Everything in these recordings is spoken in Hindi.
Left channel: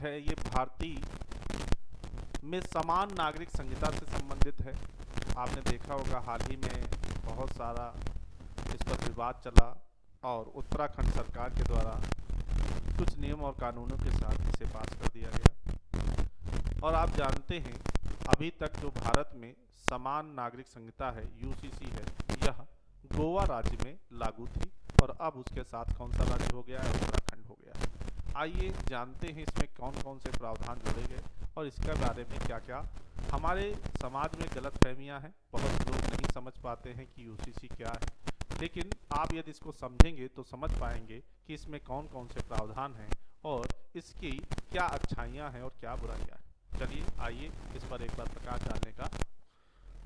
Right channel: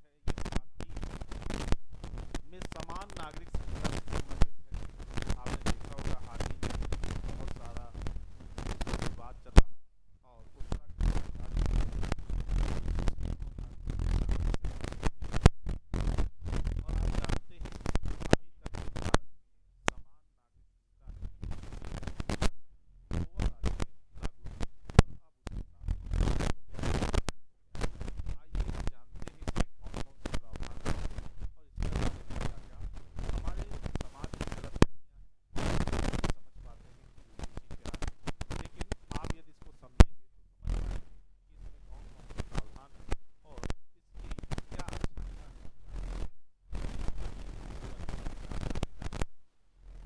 है ये भारतीय में समान नागरिक संहिता से संबंधित है। आपने देखा होगा हाल ही में बहुत सारा इस पर विवाद चला और उत्तराखंड सरकार के द्वारा कुछ नियम और कानूनों के साथ इसे पास कर दिया गया। और आप जानते हैं अभी तक जो भारत में समान नागरिक संहिता है यूसीसी है, यह गोवा राज्य में लागू थी और अब उसके साथ कौन सा राज्य हो गया है? उत्तराखंड हो गया है। आइए जानते हैं इसमें कौन कौन से प्रावधान जोड़े गए और इसका बारे में क्या क्या हमारे समाज में गलतफहमियां हैं। बहुत लोग नहीं समझ पाते हैं कि यूसीसी क्या है, लेकिन आप यदि इसको समझेंगे तो समझ पाएंगे कि इसमें कौन कौन से प्रावधान हैं और इसकी क्या अच्छाइयाँ हैं और क्या बुराइयाँ हैं। चलिए आइए इस पर एक बार प्रकाश डालने का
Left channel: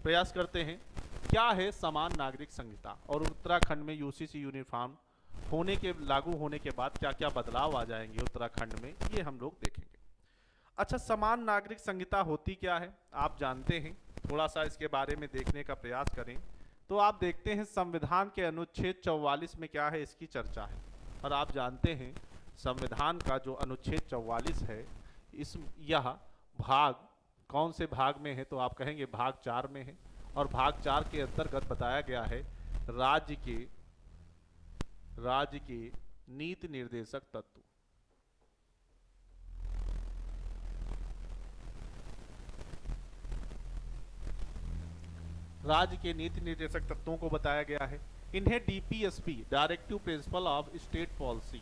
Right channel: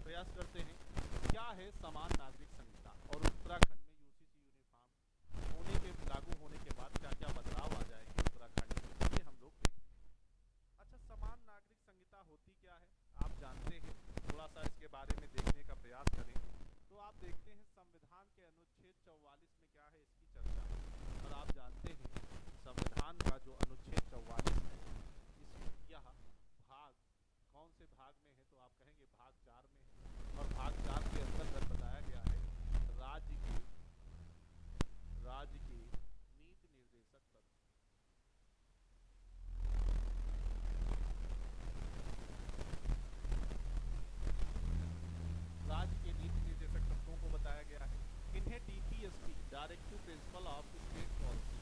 प्रयास करते हैं। क्या है समान नागरिक संहिता और उत्तराखंड में यूसीसी यूनिफॉर्म होने के लागू होने के बाद क्या क्या बदलाव आ जाएंगे उत्तराखंड में, ये हम लोग देखेंगे। अच्छा, समान नागरिक संहिता होती क्या है आप जानते हैं? थोड़ा सा इसके बारे में देखने का प्रयास करें तो आप देखते हैं संविधान के अनुच्छेद 44 में क्या है, इसकी चर्चा है। और आप जानते हैं संविधान का जो अनुच्छेद 44 है यह भाग कौन से भाग में है, तो आप कहेंगे भाग 4 में है। और भाग 4 के अंतर्गत बताया गया है राज्य के नीति निर्देशक तत्व। राज्य के नीति निर्देशक तत्वों को बताया गया है। इन्हें DPSP directive principle of state policy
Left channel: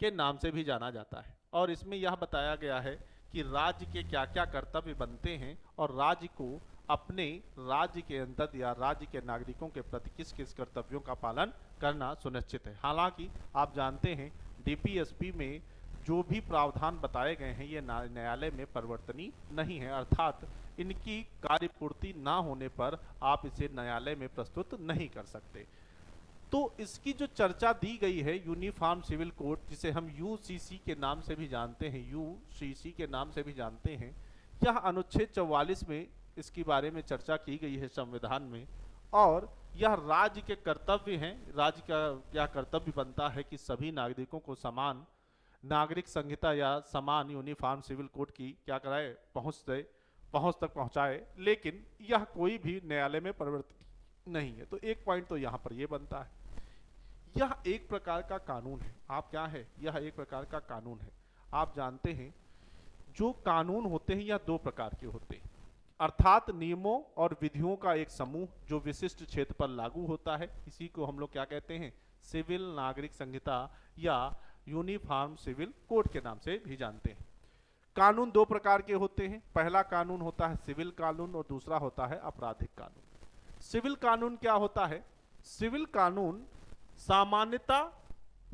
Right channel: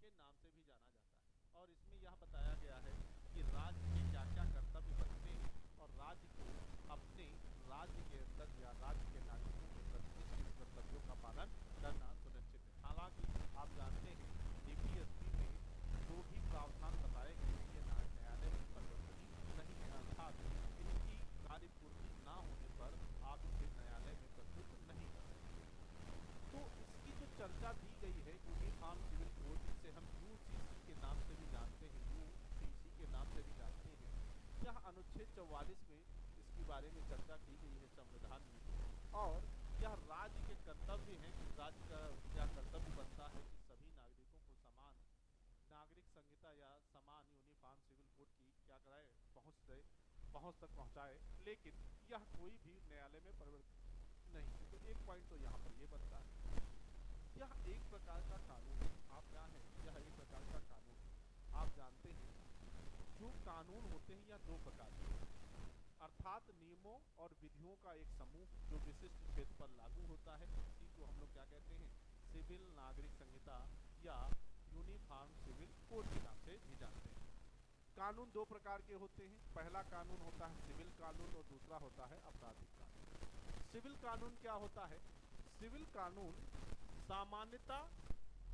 के नाम से भी जाना जाता है। और इसमें यह बताया गया है कि राज्य के क्या क्या कर्तव्य बनते हैं और राज्य को अपने राज्य के अंदर या राज्य के नागरिकों के प्रति किस किस कर्तव्यों का पालन करना सुनिश्चित है। हालांकि आप जानते हैं डीपीएसपी में जो भी प्रावधान बताए गए हैं ये न्यायालय में परिवर्तनीय नहीं है, अर्थात इनकी कार्यपूर्ति ना होने पर आप इसे न्यायालय में प्रस्तुत नहीं कर सकते। तो इसकी जो चर्चा दी गई है यूनिफॉर्म सिविल कोड, जिसे हम यूसीसी के नाम से भी जानते हैं, यूसीसी के नाम से भी जानते हैं, यह अनुच्छेद 44 में इसके बारे में चर्चा की गई है संविधान में। और यह राज्य के कर्तव्य हैं, राज्य का क्या कर्तव्य बनता है कि सभी नागरिकों को समान नागरिक संहिता या समान यूनिफॉर्म सिविल कोड की क्या कराए, पहुंच तक पहुंचाए। लेकिन यह कोई भी न्यायालय में परिवर्तित नहीं है। तो एक पॉइंट तो यहाँ पर यह बनता है, यह एक प्रकार का कानून है। आप क्या है, यह एक प्रकार का कानून है। आप जानते हैं जो कानून होते हैं यह दो प्रकार के होते हैं, अर्थात नियमों और विधियों का एक समूह जो विशिष्ट क्षेत्र पर लागू होता है। इसी को हम लोग क्या कहते हैं, सिविल नागरिक संहिता या यूनिफॉर्म सिविल कोड के नाम से भी जानते हैं। कानून दो प्रकार के होते हैं, पहला कानून होता है सिविल कानून और दूसरा होता है आपराधिक कानून। सिविल कानून क्या होता है? सिविल कानून सामान्यता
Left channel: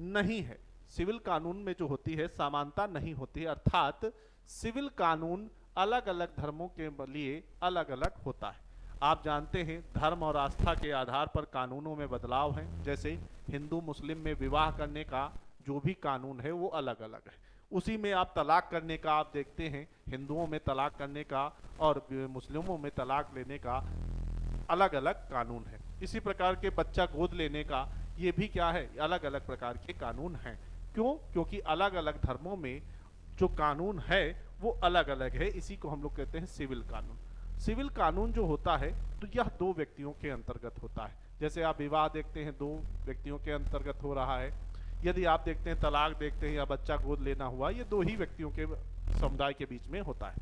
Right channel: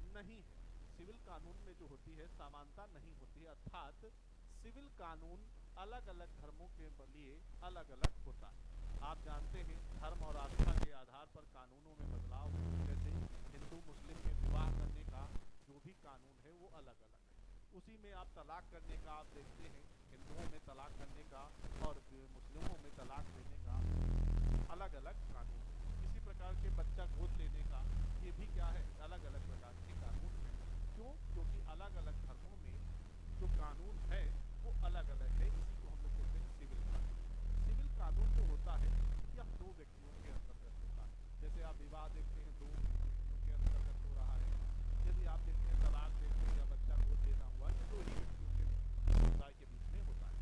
नहीं है, सिविल कानून में जो होती है समानता नहीं होती है, अर्थात सिविल कानून अलग अलग धर्मों के लिए अलग अलग होता है। आप जानते हैं धर्म और आस्था के आधार पर कानूनों में बदलाव हैं। जैसे हिंदू मुस्लिम में विवाह करने का जो भी कानून है वो अलग अलग है। उसी में आप तलाक करने का आप देखते हैं, हिंदुओं में तलाक करने का और मुस्लिमों में तलाक लेने का अलग अलग कानून है। इसी प्रकार के बच्चा गोद लेने का ये भी क्या है, अलग अलग प्रकार के कानून हैं। क्यों? क्योंकि अलग अलग धर्मों में जो कानून है वो अलग अलग है। इसी को हम लोग कहते हैं सिविल कानून। सिविल कानून जो होता है तो यह दो व्यक्तियों के अंतर्गत होता है। जैसे आप विवाह देखते हैं दो व्यक्तियों के अंतर्गत हो रहा है, यदि आप देखते हैं तलाक देखते हैं या बच्चा गोद लेना हुआ, ये दो ही व्यक्तियों के समुदाय के बीच में होता है।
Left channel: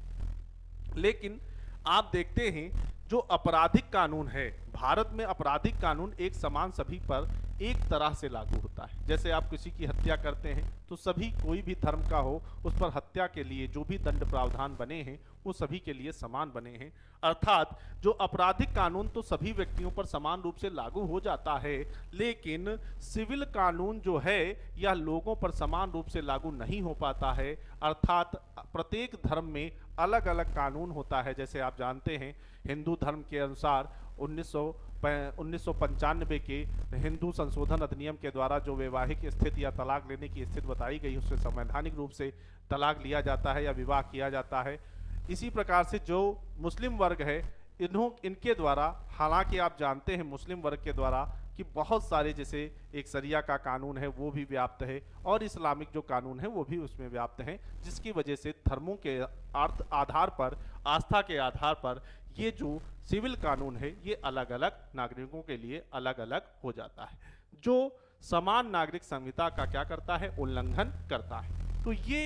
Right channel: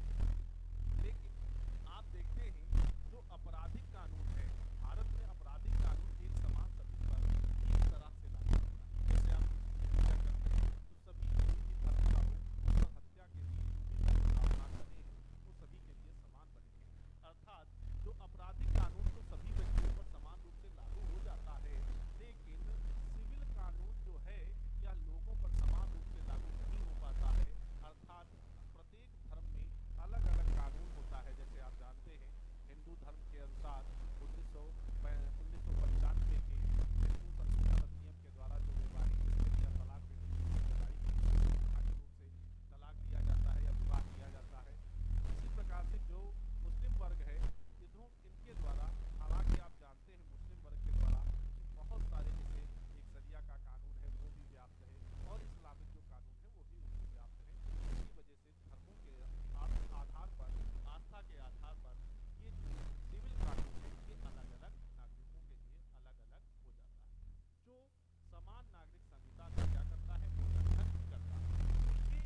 लेकिन आप देखते हैं जो आपराधिक कानून है, भारत में आपराधिक कानून एक समान सभी पर एक तरह से लागू होता है। जैसे आप किसी की हत्या करते हैं तो सभी, कोई भी धर्म का हो, उस पर हत्या के लिए जो भी दंड प्रावधान बने हैं वो सभी के लिए समान बने हैं। अर्थात जो आपराधिक कानून तो सभी व्यक्तियों पर समान रूप से लागू हो जाता है, लेकिन सिविल कानून जो है यह लोगों पर समान रूप से लागू नहीं हो पाता है। अर्थात प्रत्येक धर्म में अलग अलग कानून होता है। जैसे आप जानते हैं हिंदू धर्म के अनुसार 1995 के हिंदू संशोधन अधिनियम के द्वारा जो वैवाहिक स्थिति या तलाक लेने की स्थिति बताई गई, उससे संवैधानिक रूप से तलाक लिया जाता है या विवाह किया जाता है। इसी प्रकार से जो मुस्लिम वर्ग है इनके द्वारा, हालांकि आप जानते हैं मुस्लिम वर्ग के द्वारा कि बहुत सारे जैसे एक शरिया का कानून है वो भी व्याप्त है और इस्लामिक जो कानून है वो भी उसमें व्याप्त हैं, जिसकी वजह से धर्मों के आधार पर, आस्था के आधार पर ये जो सिविल कानून है ये अलग अलग नागरिकों के लिए अलग अलग हो जाता है, जो समान नागरिक संहिता का क्या करता है, उल्लंघन करता है। तो ये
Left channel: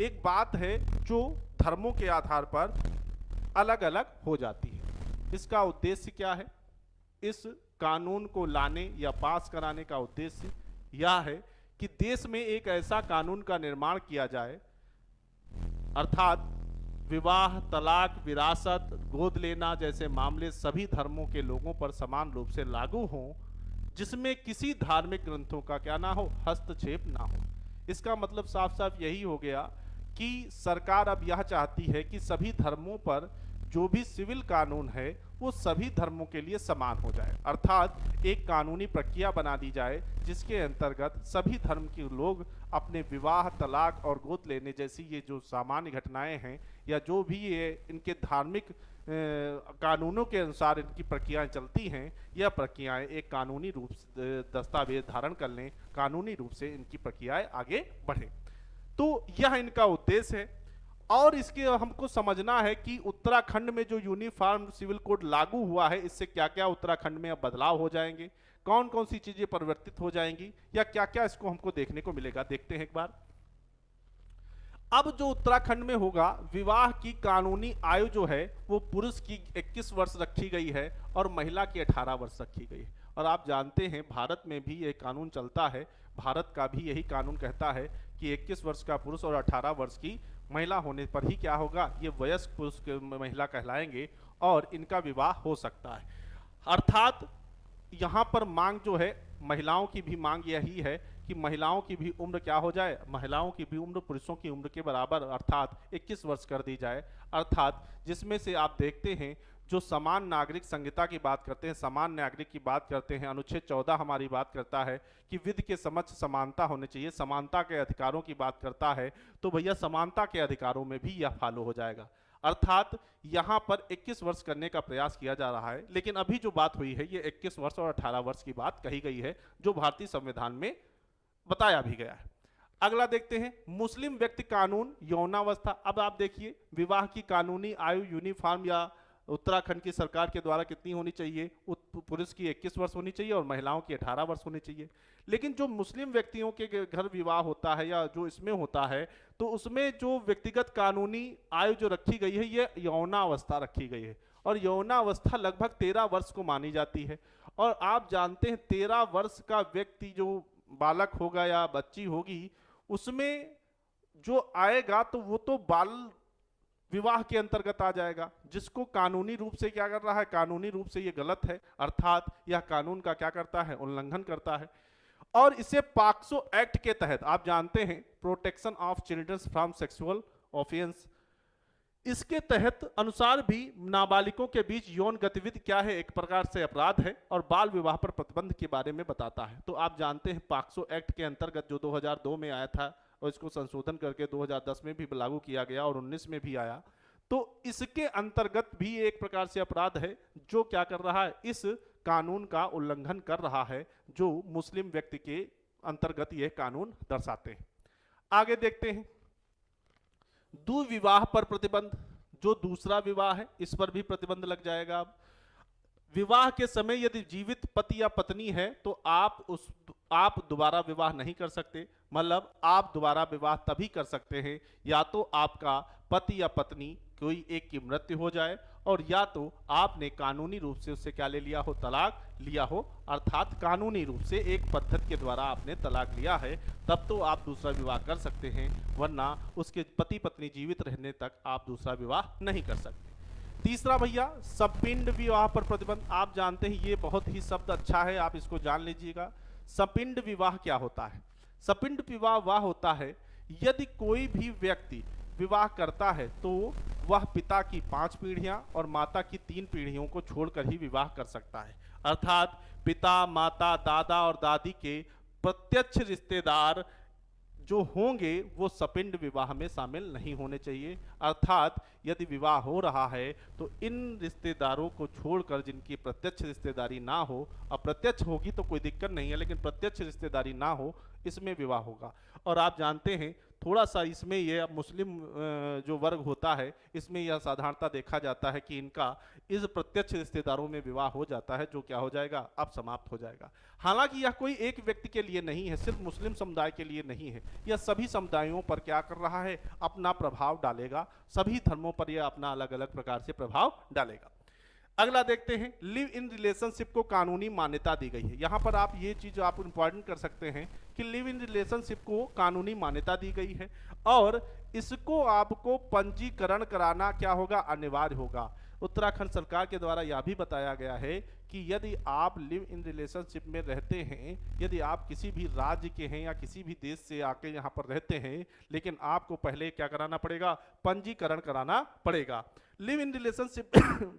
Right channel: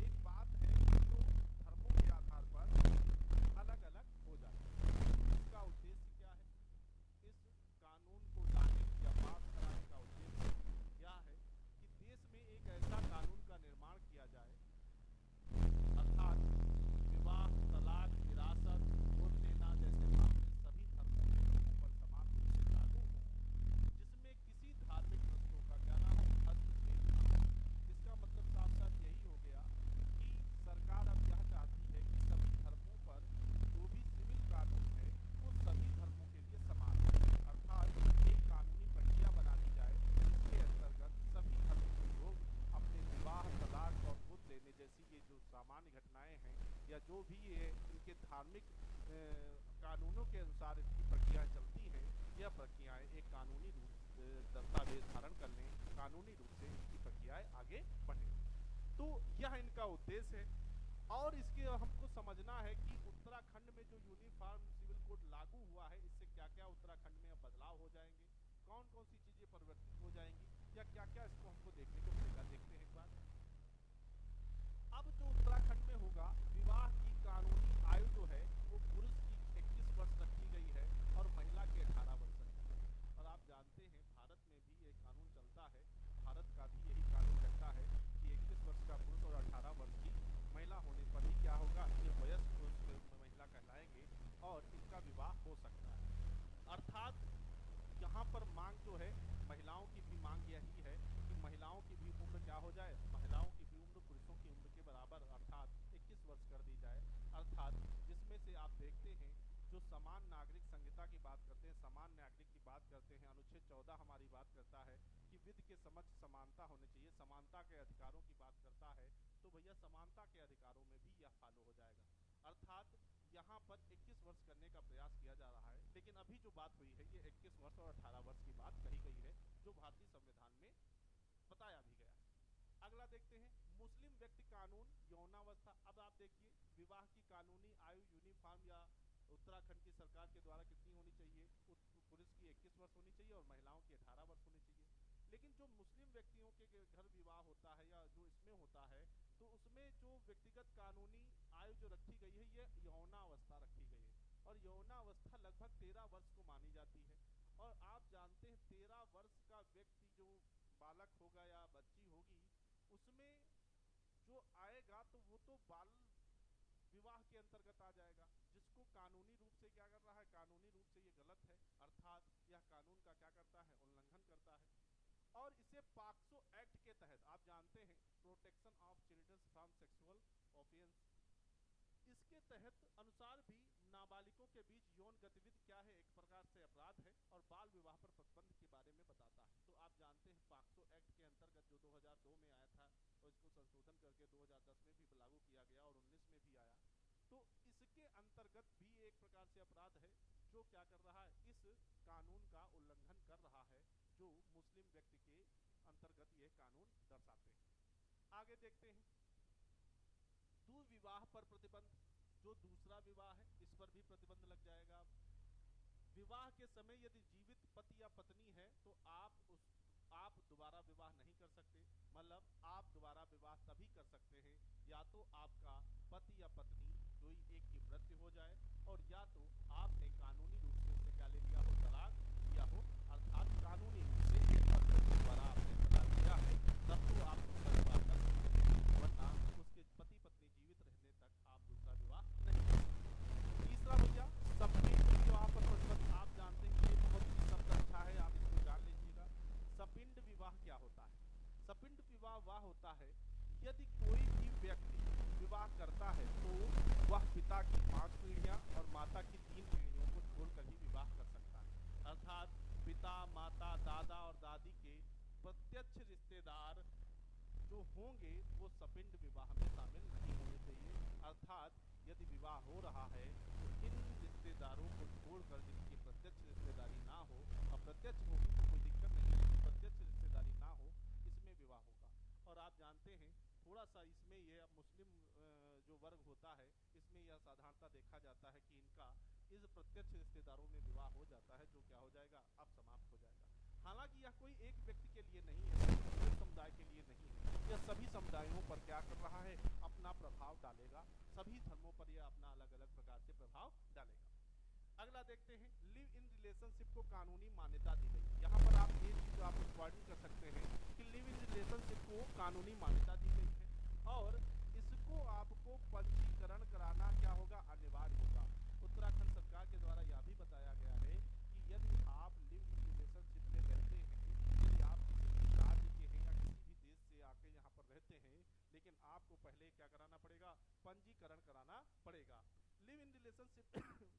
एक बात है जो धर्मों के आधार पर अलग अलग हो जाती है। इसका उद्देश्य क्या है? इस कानून को लाने या पास कराने का उद्देश्य यह है कि देश में एक ऐसा कानून का निर्माण किया जाए, अर्थात विवाह, तलाक, विरासत, गोद लेना जैसे मामले सभी धर्मों के लोगों पर समान रूप से लागू हों, जिसमें किसी धार्मिक ग्रंथों का क्या ना हो, हस्तक्षेप ना हो। इसका मतलब साफ साफ यही हो गया कि सरकार अब यह चाहती है कि सभी धर्मों पर जो भी सिविल कानून है वो सभी धर्मों के लिए समान हो जाए, अर्थात एक कानूनी प्रक्रिया बना दी जाए जिसके अंतर्गत सभी धर्म के लोग अपने विवाह, तलाक और गोद लेने जैसी ये जो सामान्य घटनाएं हैं या जो भी ये इनके धार्मिक कानूनों के अनुसार इनकी प्रक्रियाएं चलती हैं, यह प्रक्रियाएं एक कानूनी रूप से दस्तावेज धारण कर लें, कानूनी रूप से इनकी प्रक्रियाएं आगे बढ़े। तो यह इनका उद्देश्य है। और इसके हमको समझना है कि उत्तराखंड में जो यूनिफॉर्म सिविल कोड लागू हुआ है, इससे क्या क्या उत्तराखंड में अब बदलाव हो जाएंगे, कौन कौन सी चीजें परिवर्तित हो जाएंगी या क्या क्या इसको हमको देखने को मिलेगा। देखते हैं एक बार। अब जो उत्तराखंड में होगा, विवाह की कानूनी आयु जो है वो पुरुष की 21 वर्ष रखी गई है और महिला की 18 वर्ष रखी गई है। और आप जानते हैं भारत में भी ये कानून चलता है, भारत का भी यही कानून कहता है कि 21 वर्ष का पुरुष और 18 वर्ष की महिला होने पर ही क्या होगा, ये वयस्क पुरुष के महिला कहलाएंगे और इनका विवाह हो सकता है। अर्थात यहाँ पर मांग जो है, महिलाओं की भी मांग यही है कि महिलाओं की भी उम्र क्या हो जाए, महिलाओं की भी उम्र पुरुषों की उम्र के बराबर अर्थात 21 वर्ष कर दी जाए। अर्थात जिसमें से आप देखते हैं जो समान नागरिक संहिता की बात करते हैं, समान नागरिक की बात करते हैं, अनुच्छेद 14 हमारी बात करता है कि विधि के समक्ष समानता होनी चाहिए, समानता के अधिकारों की बात करता है, तो भैया समानता के अधिकारों में भी यह फॉलो हो जाएगा। अर्थात यहाँ पर 21 वर्ष करने का प्रयास किया जा रहा है, लेकिन अभी जो बात हुई है ये 21 वर्ष और 18 वर्ष की बात कही गई है, जो भारतीय संविधान में बताया भी गया है। अगला देखते हैं, मुस्लिम व्यक्ति कानून, यौनावस्था। अब आप देखिए, विवाह की कानूनी आयु यूनिफॉर्म या उत्तराखंड की सरकार के द्वारा कितनी होनी चाहिए, पुरुष की 21 वर्ष होनी चाहिए और महिलाओं की 18 वर्ष होनी चाहिए। लेकिन जो मुस्लिम व्यक्तियों के घर विवाह होता है या जो इसमें होता है, तो उसमें जो व्यक्तिगत कानूनी आयु जो रखी गई है ये यौनावस्था रखी गई है, और यौनावस्था लगभग 13 वर्ष को मानी जाती है। और आप जानते हैं 13 वर्ष का व्यक्ति जो बालक होगा या बच्ची होगी, उसमें जो आएगा तो वो तो बाल विवाह के अंतर्गत आ जाएगा, जिसको कानूनी रूप से क्या कर रहा है, कानूनी रूप से ये गलत है, अर्थात यह कानून का क्या करता है, उल्लंघन करता है। और इसे पॉक्सो एक्ट के तहत, आप जानते हैं protection of childrens from sexual offence, इसके तहत अनुसार भी नाबालिगों के बीच यौन गतिविधि क्या है, एक प्रकार से अपराध है और बाल विवाह पर प्रतिबंध के बारे में बताता है। तो आप जानते हैं पॉक्सो एक्ट के अंतर्गत जो 2002 में आया था और इसको संशोधन करके 2010 में भी लागू किया गया और 19 में भी आया, तो इसके अंतर्गत भी एक प्रकार से अपराध है जो क्या कर रहा है, इस कानून का उल्लंघन कर रहा है जो मुस्लिम व्यक्ति के अंतर्गत यह कानून दर्शाते हैं। आगे देखते हैं, दुविवाह पर प्रतिबंध। जो दूसरा विवाह है इस पर भी प्रतिबंध लग जाएगा। अब विवाह के समय यदि जीवित पति या पत्नी है तो आप दोबारा विवाह नहीं कर सकते, मतलब आप दोबारा विवाह तभी कर सकते हैं या तो आपका पति या पत्नी कोई एक की मृत्यु हो जाए और या तो आपने कानूनी रूप से उससे क्या ले लिया हो, तलाक लिया हो, अर्थात कानूनी रूप से एक पद्धति के द्वारा आपने तलाक लिया है, तब तो आप दूसरा विवाह कर सकते हैं, वरना उसके पति पत्नी जीवित रहने तक आप दूसरा विवाह नहीं कर सकते। तीसरा भैया, सपिंड विवाह पर प्रतिबंध। आप जानते हैं ये बहुत ही शब्द अच्छा है, आप इसको जान लीजिएगा। सपिंड विवाह क्या होता है? सपिंड विवाह वह होता है यदि कोई भी व्यक्ति विवाह करता है तो वह पिता की 5 पीढ़ियां और माता की 3 पीढ़ियों को छोड़कर ही विवाह कर सकता है, अर्थात पिता, माता, दादा और दादी के प्रत्यक्ष रिश्तेदार जो होंगे वो सपिंड विवाह में शामिल नहीं होने चाहिए। अर्थात यदि विवाह हो रहा है तो इन रिश्तेदारों को छोड़कर जिनकी प्रत्यक्ष रिश्तेदारी ना हो, अप्रत्यक्ष होगी तो कोई दिक्कत नहीं है, लेकिन प्रत्यक्ष रिश्तेदारी ना हो, इसमें विवाह होगा। और आप जानते हैं थोड़ा सा इसमें यह मुस्लिम जो वर्ग होता है इसमें यह साधारणता देखा जाता है कि इनका इस प्रत्यक्ष रिश्तेदारों में विवाह हो जाता है, जो क्या हो जाएगा, अब समाप्त हो जाएगा। हालांकि यह कोई एक व्यक्ति के लिए नहीं है, सिर्फ मुस्लिम समुदाय के लिए नहीं है, यह सभी समुदायों पर क्या कर रहा है, अपना प्रभाव डालेगा, सभी धर्मों पर यह अपना अलग अलग प्रकार से प्रभाव डालेगा। अगला देखते हैं, लिव इन रिलेशनशिप को कानूनी मान्यता दी गई है। यहाँ पर आप ये चीज आप इंपॉर्टेंट कर सकते हैं कि लिव इन रिलेशनशिप को कानूनी मान्यता दी गई है और इसको आपको पंजीकरण कराना क्या होगा, अनिवार्य होगा। उत्तराखंड सरकार के द्वारा यह भी बताया गया है कि यदि आप लिव इन रिलेशनशिप में रहते हैं, यदि आप किसी भी राज्य के हैं या किसी भी देश से आके यहाँ पर रहते हैं, लेकिन आपको पहले क्या कराना पड़ेगा, पंजीकरण कराना पड़ेगा। लिव इन रिलेशनशिप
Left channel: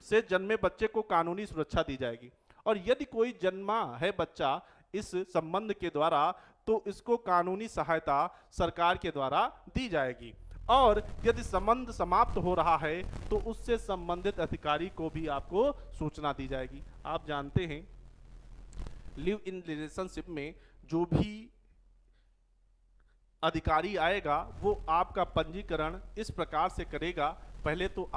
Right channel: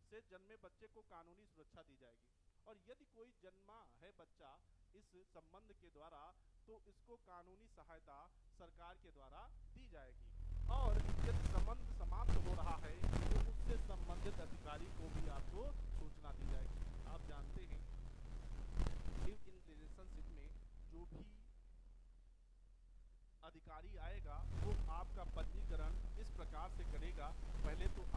से जन्मे बच्चे को कानूनी सुरक्षा दी जाएगी और यदि कोई जन्मा है बच्चा इस संबंध के द्वारा तो इसको कानूनी सहायता सरकार के द्वारा दी जाएगी। और यदि संबंध समाप्त हो रहा है तो उससे संबंधित अधिकारी को भी आपको सूचना दी जाएगी। आप जानते हैं लिव इन रिलेशनशिप में जो भी अधिकारी आएगा वो आपका पंजीकरण इस प्रकार से करेगा, पहले तो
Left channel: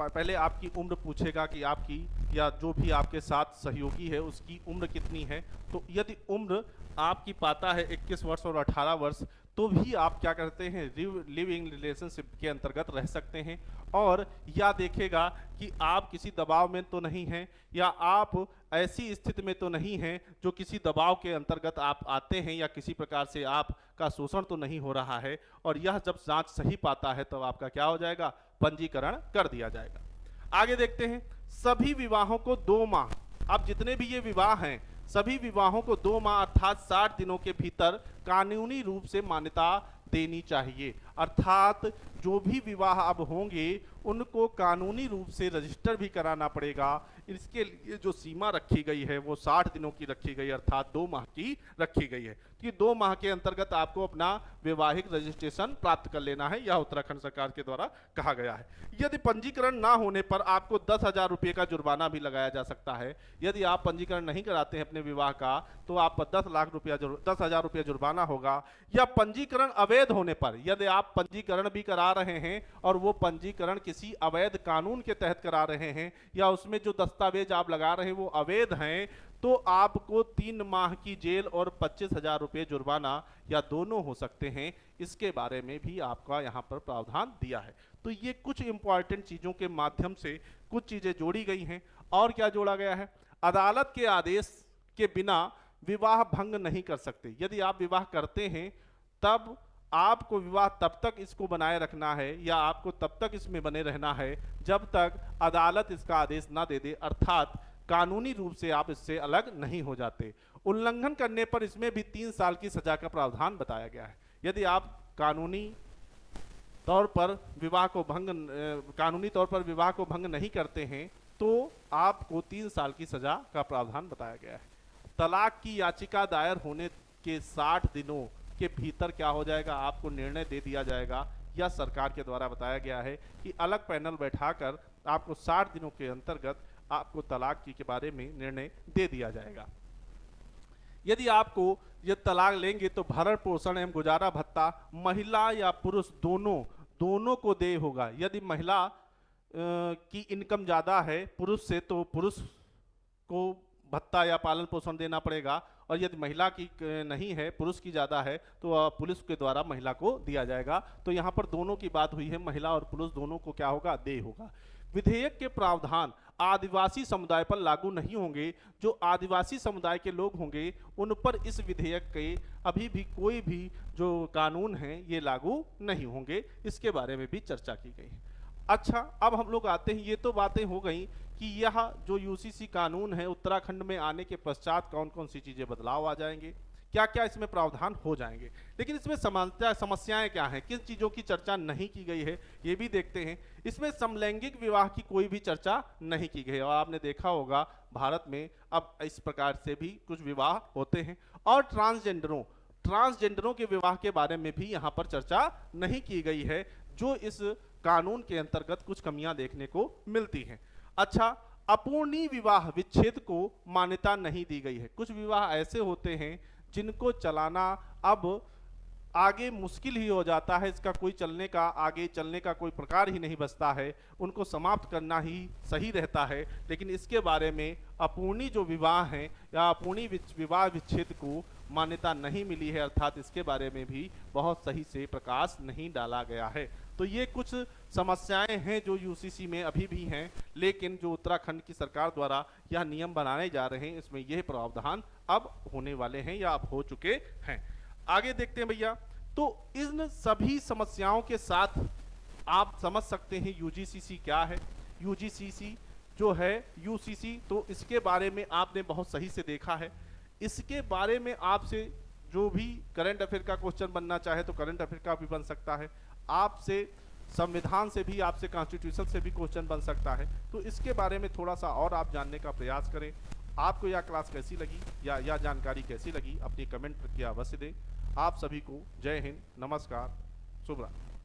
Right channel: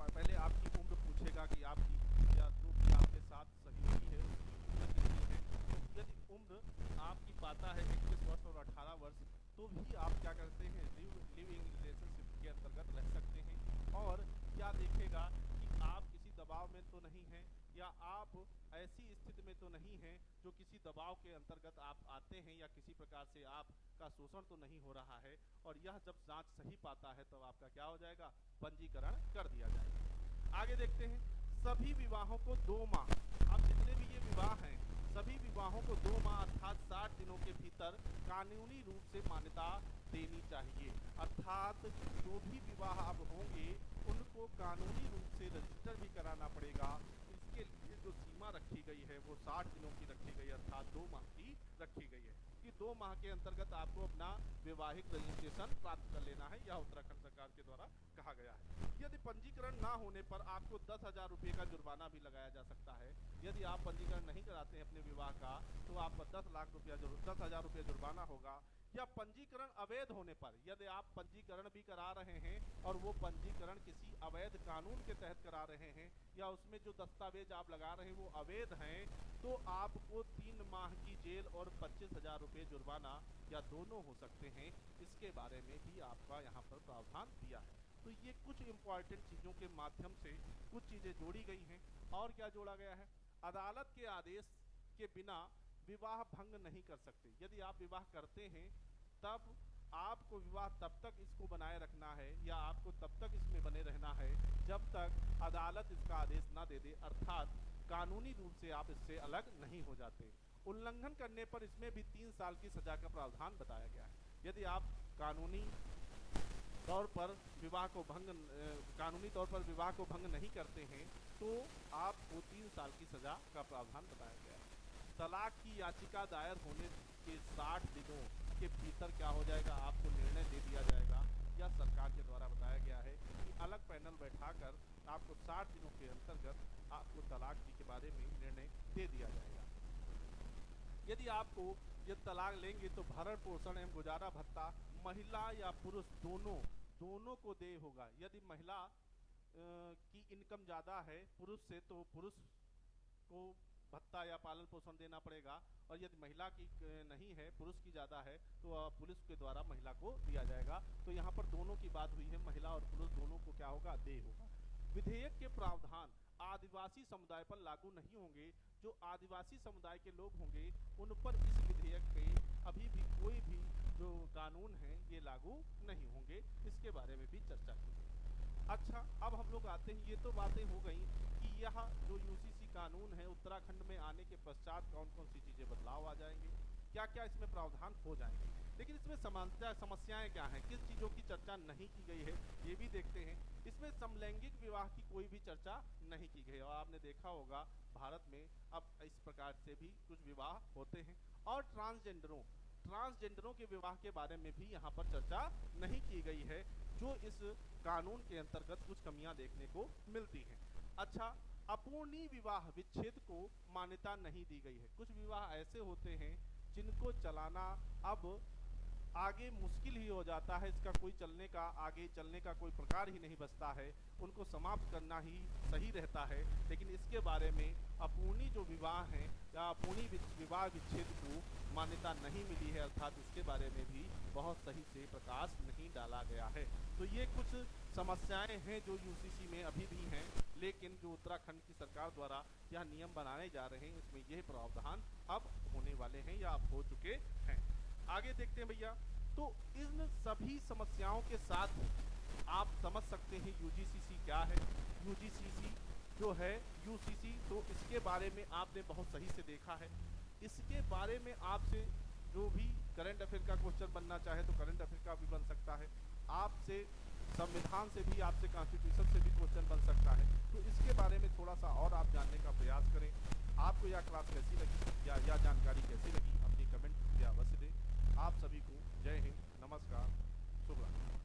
पहले आपकी उम्र पूछेगा कि आपकी या जो भी आपके साथ सहयोगी है उसकी उम्र कितनी है। तो यदि उम्र आपकी पाता है 21 वर्ष और 18 वर्ष तो भी आप क्या करते हैं, लिविंग रिलेशनशिप के अंतर्गत रह सकते हैं। और यह देखेगा कि आप किसी दबाव में तो नहीं हैं या आप ऐसी स्थिति में तो नहीं हैं जो किसी दबाव के अंतर्गत आप आते हैं या किसी प्रकार से आपका शोषण तो नहीं हो रहा है। और यह जब जांच सही पाता है तब आपका क्या हो जाएगा, पंजीकरण कर दिया जाएगा। आगे देखते हैं, सभी विवाहों को 2 माह, अब जितने भी ये विवाह हैं सभी विवाहों को 2 माह अर्थात 60 दिनों के भीतर कानूनी रूप से मान्यता देनी चाहिए। अर्थात जो भी विवाह अब होंगे उनको कानूनी रूप से रजिस्टर भी कराना पड़ेगा। इसके लिए जो सीमा रखी गई है वो 60 दिनों की रखी गई है, अर्थात 2 माह की रखी गई है कि 2 माह के अंतर्गत आपको अपना वैवाहिक रजिस्ट्रेशन प्राप्त कर लेना है, यह उत्तराखंड सरकार के द्वारा कहा गया है। यदि पंजीकरण ना होने पर आपको 10,000 रुपये का जुर्माना भी लगाया जा सकता है। यदि आप पंजीकरण नहीं कराते हैं अपने विवाह का तो आप पर 10,000 रुपया जुर्माना होगा। या पंजीकरण अवैध होने पर, यदि आप पंजीकरण भी करा रहे हैं और वो पंजीकरण किसी अवैध कानून के तहत करा रहे हैं या उसमें जो दस्तावेज आप लगा रहे हैं वो अवैध हैं, तो आपको 3 माह की जेल और 25,000 रुपये जुर्माना या दोनों हो सकते हैं। इसके बारे में भी आपका यहाँ पर प्रावधान दिया है। तो ये कुछ इंपॉर्टेंट चीज़ों के माध्यम से कुछ चीज़ें जोड़ी गई हैं। और क्या जोड़ा गया है, अदालत के आदेश के बिना विवाह भंग नहीं कर सकते। यदि आप विवाह करते हैं तब आपको विवाह तब तक इसको बनाए रखना है या आपको तब तक इसमें बने रहना है जब तक अदालत इसका आदेश ना दे दे, अर्थात कानूनी रूप से आप इससे अलग नहीं हो जाते। उल्लंघन करने पर इसमें भी 3 साल की सजा का प्रावधान बताया गया है। यदि आप कानूनी तौर पर विवाह को भंग नहीं करते हैं तो आपको 3 साल की सजा का प्रावधान बताया गया है। तलाक की याचिका दायर होने के 60 दिनों के भीतर क्या हो जाएगा, आपको निर्णय दे दिया जाएगा। यह सरकार के द्वारा बताया गया है कि अलग पैनल बैठाकर आपको 60 दिनों के अंतर्गत आपको तलाक के बारे में निर्णय दे दिया जाएगा। यदि आपको ये तलाक लेंगे तो भरण पोषण एवं गुजारा भत्ता महिला या पुरुष दोनों को दे होगा। यदि महिला की इनकम ज़्यादा है पुरुष से तो पुरुष को भत्ता या पालन पोषण देना पड़ेगा, और यदि महिला की नहीं है, पुरुष की ज़्यादा है, तो पुलिस के द्वारा महिला को दिया जाएगा। तो यहाँ पर दोनों की बात हुई है, महिला और पुरुष दोनों को क्या होगा, दे होगा। विधेयक के प्रावधान आदिवासी समुदाय पर लागू नहीं होंगे। जो आदिवासी समुदाय के लोग होंगे उन पर इस विधेयक के अभी भी कोई भी जो कानून हैं ये लागू नहीं होंगे। इसके बारे में भी चर्चा की गई है। अच्छा, अब हम लोग आते हैं, ये तो बातें हो गई कि यह जो यूसीसी कानून है उत्तराखंड में आने के पश्चात कौन कौन सी चीज़ें बदलाव आ जाएंगे, क्या क्या इसमें प्रावधान हो जाएंगे। लेकिन इसमें समस्याएं क्या हैं, किस चीज़ों की चर्चा नहीं की गई है, ये भी देखते हैं। इसमें समलैंगिक विवाह की कोई भी चर्चा नहीं की गई है और आपने देखा होगा भारत में अब इस प्रकार से भी कुछ विवाह होते हैं। और ट्रांसजेंडरों के विवाह के बारे में भी यहाँ पर चर्चा नहीं की गई है, जो इस कानून के अंतर्गत कुछ कमियां देखने को मिलती हैं। अच्छा, अपूर्णी विवाह विच्छेद को मान्यता नहीं दी गई है। कुछ विवाह ऐसे होते हैं जिनको चलाना अब आगे मुश्किल ही हो जाता है, इसका कोई चलने का, आगे चलने का कोई प्रकार ही नहीं बचता है, उनको समाप्त करना ही सही रहता है। लेकिन इसके बारे में अपूर्णी जो विवाह हैं या अपूर्णी विवाह विच्छेद को मान्यता नहीं मिली है, अर्थात इसके बारे में भी बहुत सही से प्रकाश नहीं डाला गया है। तो ये कुछ समस्याएं हैं जो यूसीसी में अभी भी हैं, लेकिन जो उत्तराखंड की सरकार द्वारा यह नियम बनाए जा रहे हैं, इसमें यह प्रावधान अब होने वाले हैं या अब हो चुके हैं। आगे देखते हैं भैया। तो इन सभी समस्याओं के साथ आप समझ सकते हैं यूजीसीसी क्या है। यूजीसीसी जो है यूसीसी, तो इसके बारे में आपने बहुत सही से देखा है। इसके बारे में आपसे जो भी करंट अफेयर का क्वेश्चन बनना चाहे तो करंट अफेयर का भी बन सकता है, आपसे संविधान से भी, आपसे कॉन्स्टिट्यूशन से भी क्वेश्चन बन सकता है। तो इसके बारे में थोड़ा सा और आप जानने का प्रयास करें। आपको यह क्लास कैसी लगी या यह जानकारी कैसी लगी, अपनी कमेंट करके अवश्य दें। आप सभी को जय हिंद, नमस्कार, शुभ रात्रि।